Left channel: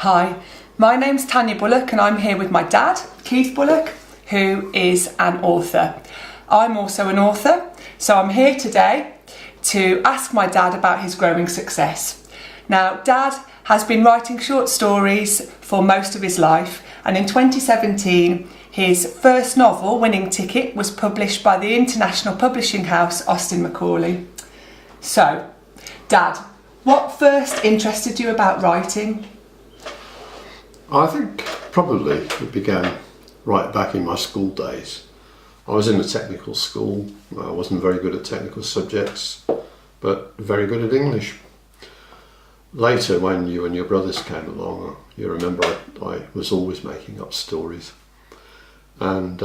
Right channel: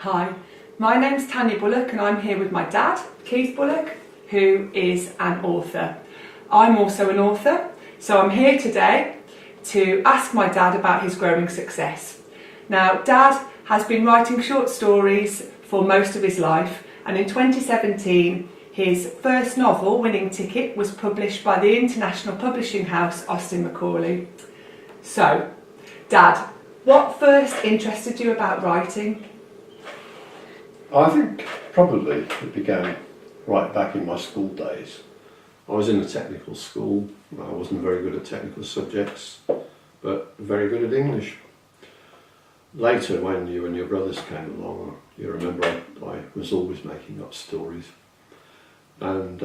Hi, my name's Tanya Bullock and I'm here with my dad, Keith Bullock, who is an author. I'm also an author, so I'm here today to ask my dad about his growing success. Now, Dad has been writing short stories for most of his life, and in 2017 his first novel, Winning Ticket, was published by the international publishing house Austin Macaulay. So, Dad, what first interested you about writing? I think probably it began right back in my school days. I was in a technical school. I wasn't very good at technical subjects, but very good at English. Later, when you and your brothers came along, you remember I was always making up stories. And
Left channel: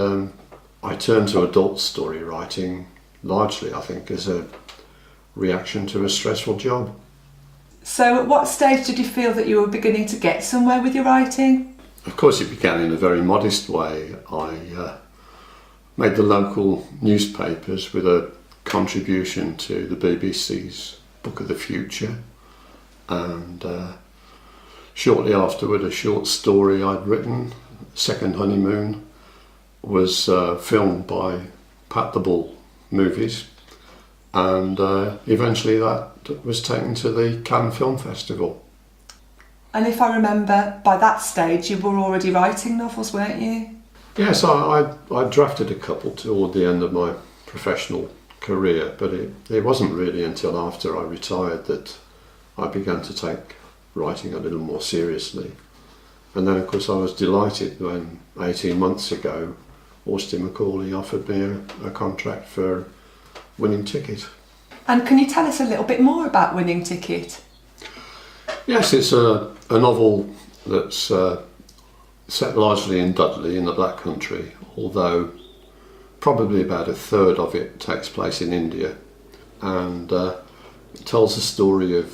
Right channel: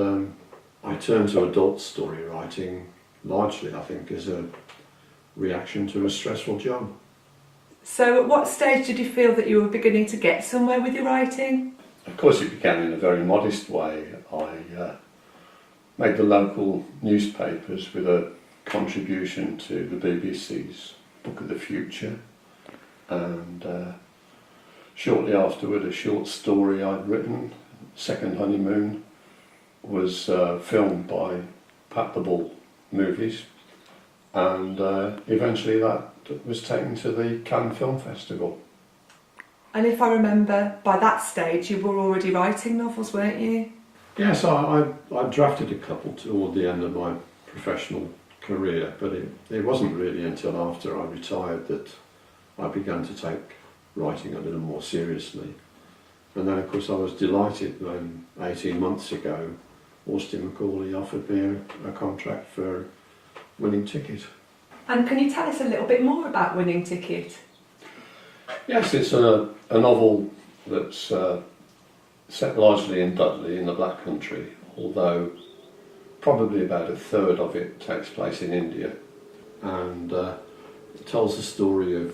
I turned to adult story writing largely, I think, as a reaction to a stressful job. So at what stage did you feel that you were beginning to get somewhere with your writing? Of course, it began in a very modest way. I made the local newspapers with a contribution to the BBC's Book of the Future, and shortly afterward a short story I'd written, Second Honeymoon, was filmed by Pat the Bull Movies, and eventually that was taken to the Cannes Film Festival. And if I remember, by that stage you were already writing novels, weren't you? Yes, I drafted a couple toward the end of my professional career, but it wasn't really until after I retired that I began to take writing a little more seriously. And then, of course, I was delighted when 18 months ago Austin Macaulay offered me a contract for Winning Ticket. And can you tell us a little bit more about Winning Ticket? Yes, it's a novel that's set largely in Dudley, in the Black Country, although probably about a third of it takes place in India. And it tells the story of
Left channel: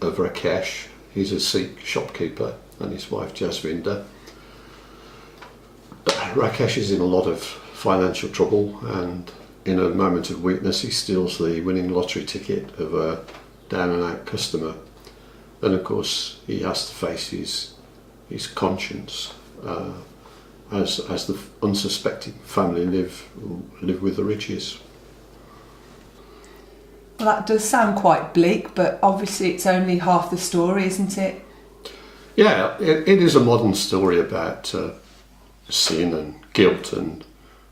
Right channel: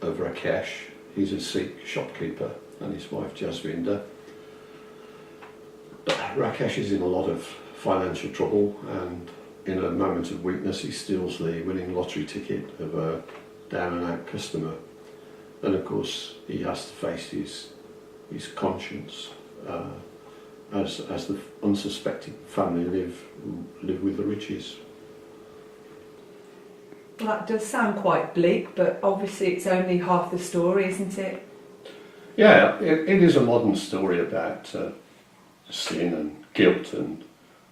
Rakesh. He's a Sikh shopkeeper, and his wife Jasvinder. Rakesh is in a lot of financial trouble, and in a moment of weakness he steals the winning lottery ticket of a down and out customer. Then of course he has to face his conscience as the unsuspecting family live with the riches. Well, that does sound quite bleak, but obviously it's only half the story, isn't it? Yeah, it is a modern story about sin and guilt and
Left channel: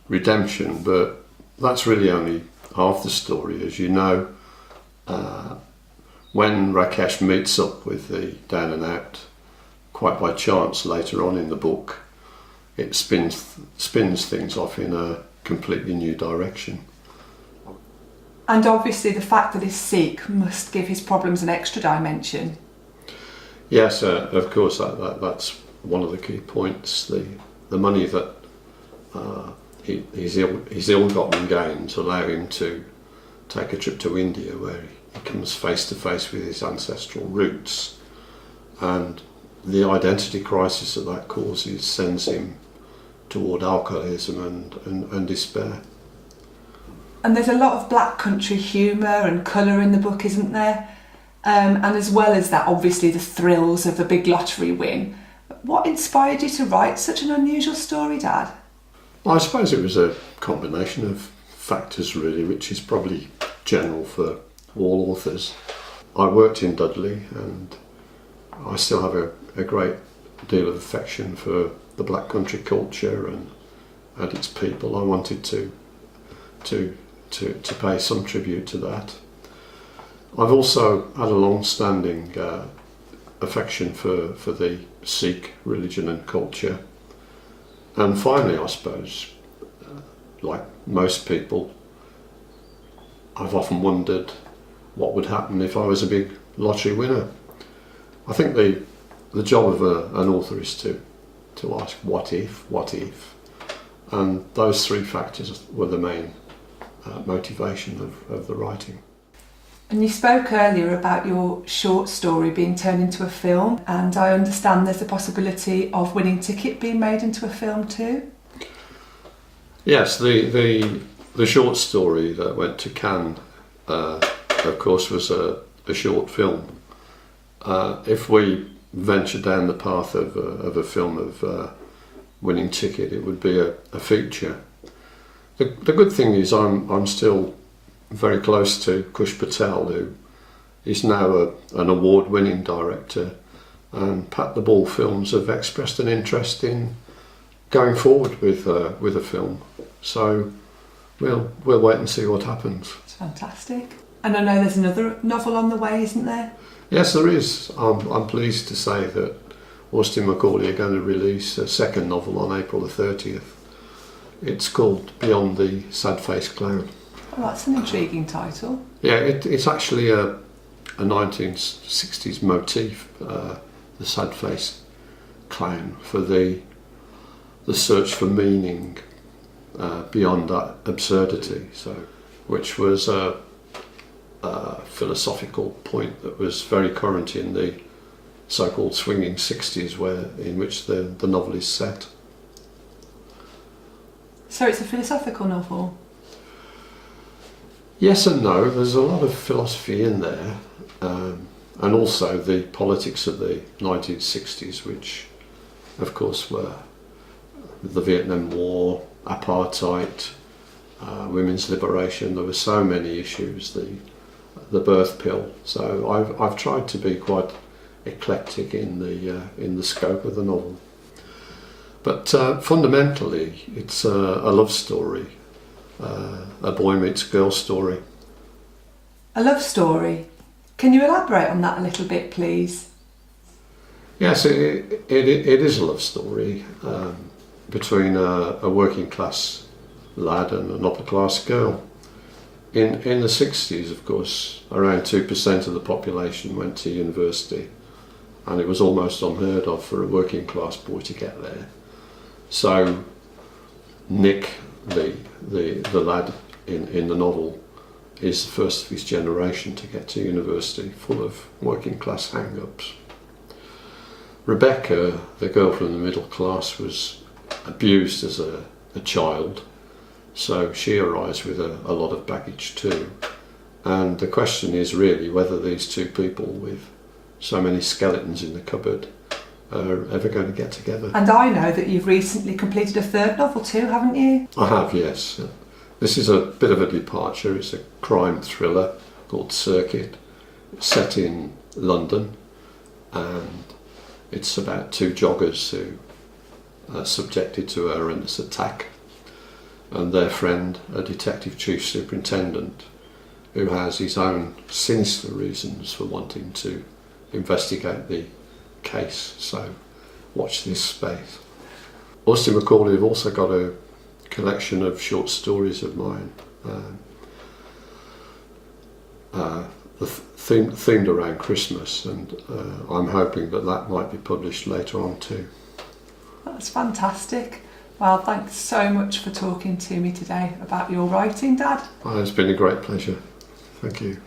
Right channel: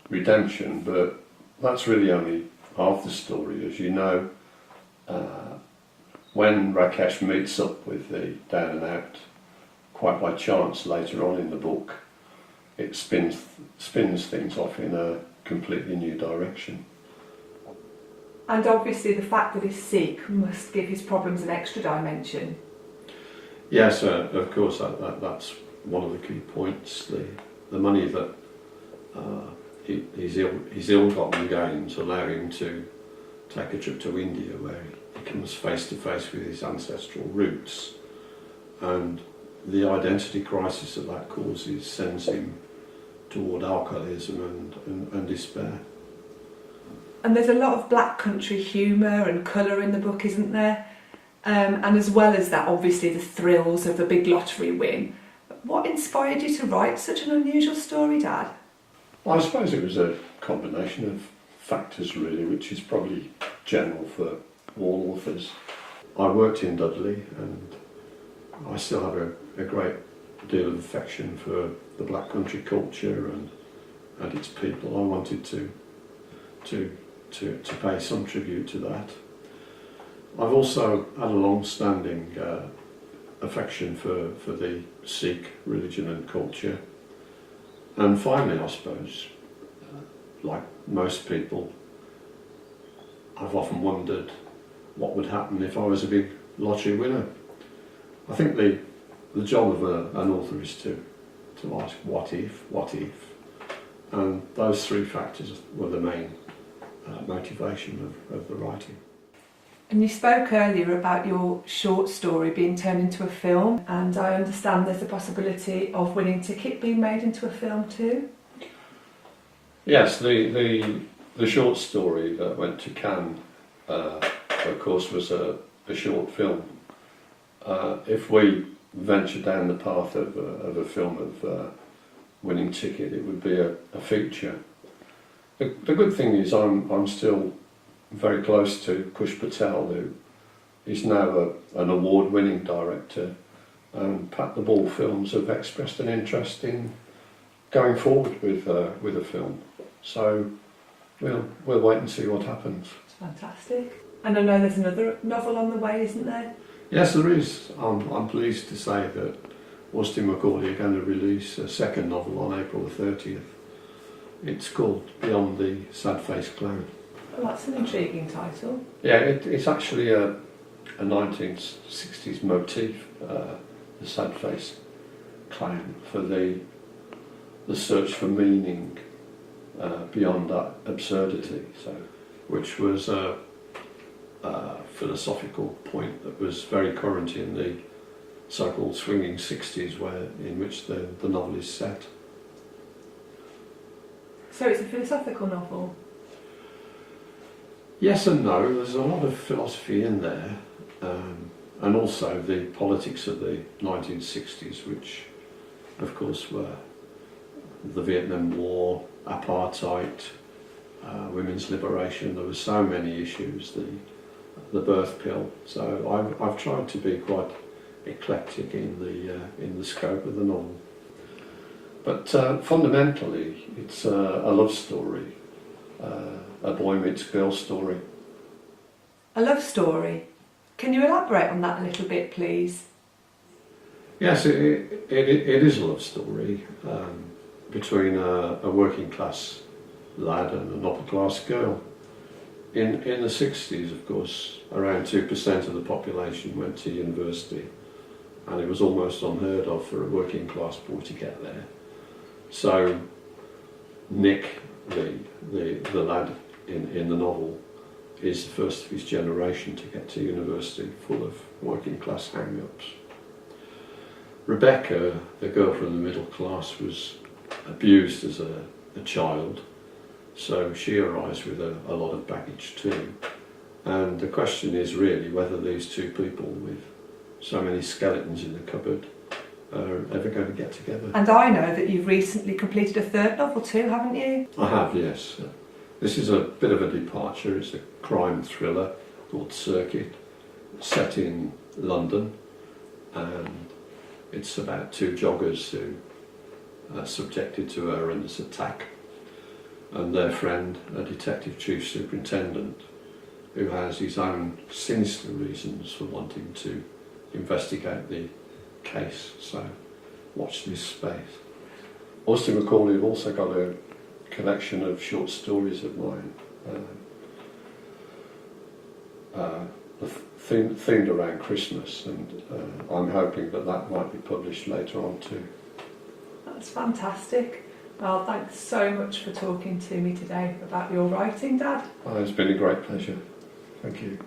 redemption, but that's really only half the story. As you know, when Rakesh meets up with the down and out, quite by chance later on in the book, it spins things off in a completely new direction. And obviously the fact that he's Sikh must give his problems an extra dimension. Yes, of course, that's one of the key points. The money that his ill-gotten gains allow him to take a trip to India, where he comes face to face with his ancestral roots, and the identity crisis that causes sends him toward alcoholism and despair. And there's a lot of Black Country humour and colour in the book, isn't there? And as well as that, obviously the thrills of the big lottery win. What inspired you to write such an unusual story, Dad? Well, I suppose it was a combination of factors really, which is probably general for all authors. I worked in Dudley, and I still have a great deal of affection for the Black Country culture and its people. I wanted to pay some tribute to that. I've also had a long-standing affection for the Sikh religion and culture. And finally, I suppose, like most people, I've often wondered what would happen if I was a big lottery winner. I think the job of an author is to ask what if, and those three factors were the main motivation of the writing. And you spoke earlier about your short story being turned into a film, and I understand there's a possibility of Winning Ticket being made into a film too? Yes, the short story that went to Cannes, of course, was a short film. If we venture down the path of a film of winning ticket, it would be a feature. The good thing is I'm still very close to Kush Patel, who is now an award-winning director, and Pat the Ball Films have expressed an interest in going forward with a film. So we'll wait and see what happens. It's fantastic. And I know there's another novel on the way, isn't there? Yes, there is. I'm pleased to say that Austin Macaulay are going to release a second novel on April the 30th. It's called Beyond the Sad-Faced Clown. Oh, that's an intriguing title. Yeah, it's actually a 1960s motif, the sad-faced clown, for the search for meaning beyond that absurdity. So, which was a philosophical point that was very current in the so-called swinging 60s, in which the novel is set. So it's a philosophical novel? Yes and no. There's a lot of philosophy in there, and also the politics of the 1960s, which of course were the Vietnam War, apartheid, women's liberation. There were so many issues, the birth pill. So I've tried to be quite eclectic in the scope of the novel. But fundamentally, it's a love story, a boy meets girl story. A love story? Can you elaborate on that a little bit, please? Yes, it is a love story between a working class lad and an upper class girl. In the 60s, of course, around 2% of the population went to university, and it was almost unheard of for a working class boy to get there. So Nick, the lad in the novel, is the first of his generation to get to university, full of working class hang-ups. Rebecca, the girl from the middle class, was abused as a child, so she arrives with a lot of baggage too. And the question is really whether these two people with so many skeletons in the cupboard are ever going to get together. And I know that you've recently completed a third novel too, haven't you? I have, yes. This is a bit of a departure. It's a crime thriller called Circuit, set in London, and it's about two joggers who are subjected to a horrendous attack, and their friend, a detective chief superintendent, who has his own sinister reasons for wanting to investigate the case. So watch this space. Austin Macaulay have also got a collection of short stories of mine, themed around Christmas, and I'm hoping that might be published later on too. That's fantastic. Well, thanks so much for talking to me today about your writing, Dad. It's been a great pleasure. Thank you.